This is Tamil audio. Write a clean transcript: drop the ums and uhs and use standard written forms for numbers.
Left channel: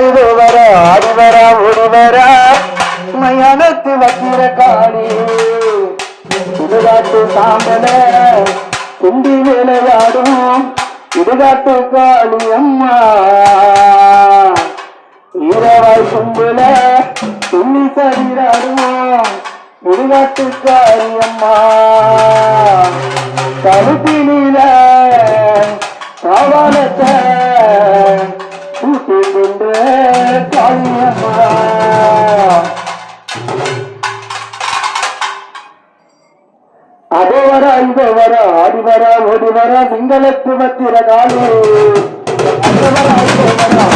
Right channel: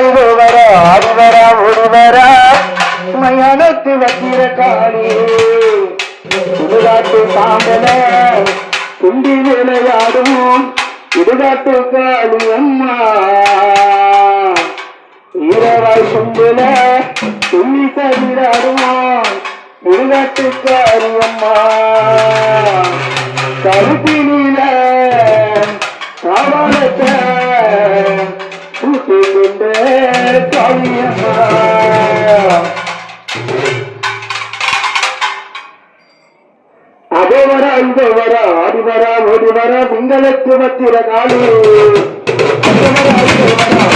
இதுவர அதுவர ஒருவர மயானத்து வக்கிர காளி சுடுகாட்டு சாம்பல குண்டி விளையாடும் சுடுகாட்டு காளி அம்மா ஈரவாய் சும்புல துண்ணி சரிராடுவோம் சுடுகாட்டு காளி அம்மா கருப்பினில காவாலத்தை கூட்டி கொண்டு காளியம்மா அதோவர இதுவர ஆடிவர ஓடிவர சிங்களத்து வத்திர காளி அதோவர